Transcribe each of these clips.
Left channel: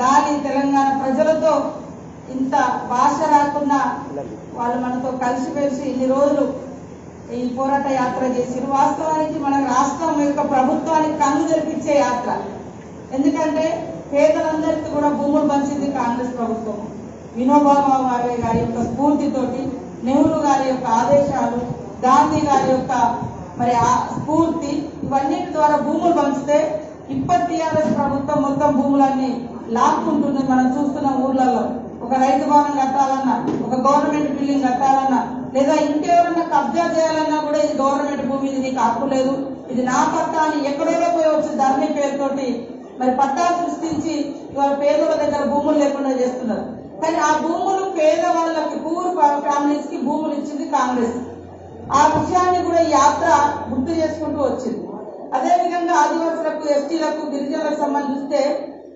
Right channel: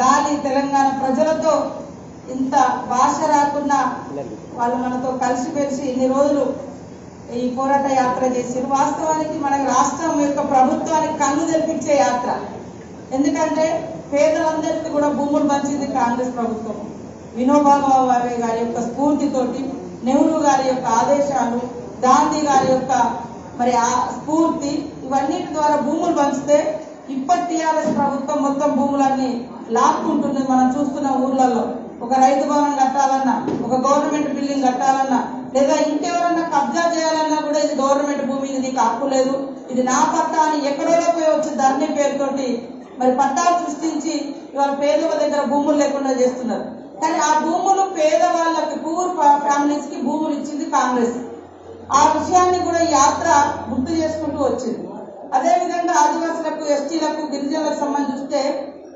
గాలి తెలంగాణ ప్రజలతో ఇంత భాష రాకుండా వాళ్ళు మనతో కలిసిమెలిసి ఇన్ని రోజులు ఈ పోరాట యాత్ర చేసి వాస్తవానికి మన రాష్ట్రం యొక్క ప్రభుత్వానికి కన్ను తెరిపించే యాత్ర. ఎందుకంటే పేదలందరికీ కూడా భూములు పంచింది కాంగ్రెస్ ప్రభుత్వం. వినోబా భావే గారి యొక్క స్ఫూర్తితోటి, నెహ్రూ గారి యొక్క ఆదేశాలు, గాంధీ గారి యొక్క మరి స్ఫూర్తి, ఇవన్నిటి ద్వారా భూములు పంచితే ఇప్పటి టీఆర్ఎస్ ప్రభుత్వం మొత్తం భూములన్నీ లాక్కుంటుంది. మనం చూస్తున్న ఊర్లలో ఒక రైతు భవనం కట్టాలన్నా, ఒక గవర్నమెంట్ బిల్డింగ్ కట్టాలన్నా, లేదా ఇంకెవరన్నా కబ్జా చేయాలన్నా కూడా ఇది గవర్నమెంట్ భూమి, ఇది నీకు హక్కు లేదు, ఇది నా పట్టా అని ఎక్కడో పోయి వచ్చి ధరణి పేరుతోటి మరి పట్టాలు సృష్టించి పేదల దగ్గర భూములు లేకుండా చేస్తున్నారు. కానీ ఆ భూములు పేదవాళ్ళకి, పూర్ ఫ్యామిలీస్ కి భూములు ఇచ్చింది కాంగ్రెస్. ఆ విషయాన్ని కూడా ఈ యాత్ర గుర్తు చేసుకుంటూ వచ్చింది. అదేవిధంగా ఆదివాసులకు, ఎస్టీలకు, గిరిజనులకు సంబంధిస్తే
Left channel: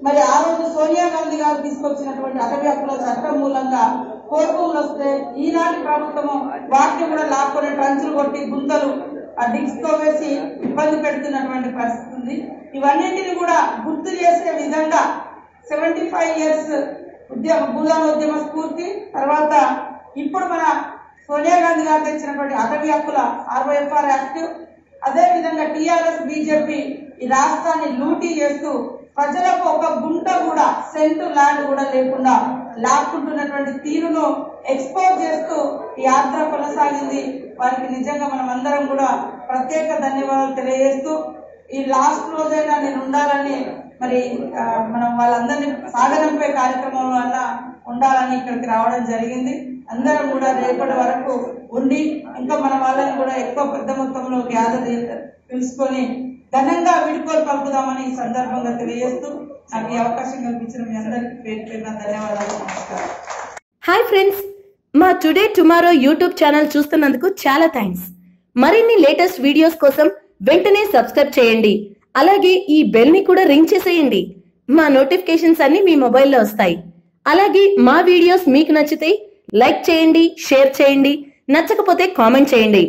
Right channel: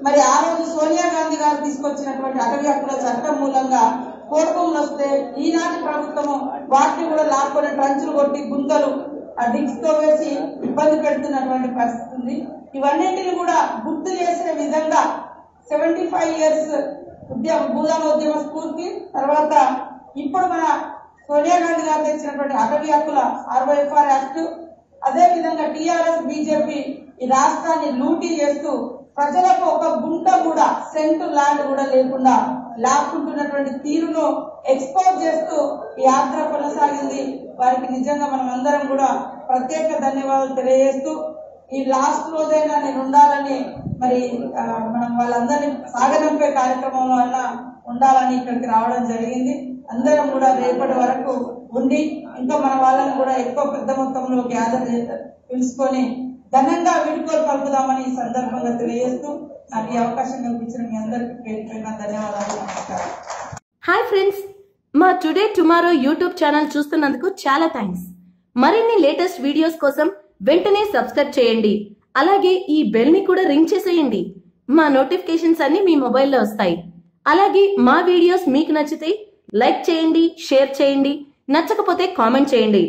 మరి ఆ రోజు సోనియా గాంధీ గారు తీసుకొచ్చినటువంటి అటవీ హక్కుల చట్టం మూలంగా కోర్టులు వస్తే ఈనాటి ప్రభుత్వము వాటిని కూడా లాక్కొని ట్రంచులు కొట్టి గుంతలు డిగ్స్ తో వేసి ఇబ్బంది పెడుతున్నటువంటి పరిస్థితి ఉంది. ఇవన్నింటినీ కూడా గుర్తు చేసే విధంగా 75 years భూదాన ఉద్యమ స్ఫూర్తి తర్వాత ఇప్పుడు మన సోనియా గాంధీ గారు తెచ్చినటువంటి అటవీ హక్కుల ROFR యాక్ట్, అదే విధంగా టీఆర్ఎస్ బీజేపీ ఈ రాష్ట్రాన్ని లూటీ చేస్తూ ప్రజలకు ఒక గుంట కూడా, సెంటు ల్యాండ్ కూడా లేకుండా లాక్కుంటున్నటువంటి తీరును ఎక్స్పోజ్ చేస్తూ ఈ యాత్ర కొనసాగింది. వారికి నిజంగా మనం అందరం కూడా ప్రత్యేక ధన్యవాదాలు తెలియజేస్తూ, ఈ లాస్ట్ రోజైనా నేను ఉండాలని మరి మనం వాళ్ళందరినీ సాగనంపే కార్యక్రమంలో అన్న ఉండాలని ఇక్కడికి రావడం జరిగింది. అందరం కూడా రేపటి వరకు ఉండి ఇంకా మన వాళ్ళని కూడా ఎక్కువ పెద్ద మొత్తంలో గ్యాదర్ పిలుచుకొని ఘనంగా వీడ్కోలు పలుకుదామని ఈ సందర్భంగా తెలియజేస్తూ నాకు ఈ అవకాశం కల్పించిన మీ అందరికీ పేరు పేరున ధన్యవాదాలు. నమస్కారం. హాయ్ ఫ్రెండ్స్, మా టుడే టుమారో యూట్యూబ్ ఛానల్ చూస్తున్నందుకు చాలా థ్యాంక్స్. మరిన్ని లేటెస్ట్ వీడియోస్ కోసం వెంటనే సబ్స్క్రైబ్ చేయండి. అలాగే ఈ బెల్ ని కూడా రింగ్ చేసేయండి. మా నోటిఫికేషన్స్ అన్ని మీ మొబైల్లో వస్తాయి. అలాగే మా వీడియోస్ మీకు నచ్చితే లైక్ చేయండి, షేర్ చేయండి, నచ్చకపోతే కామెంట్ చేయండి.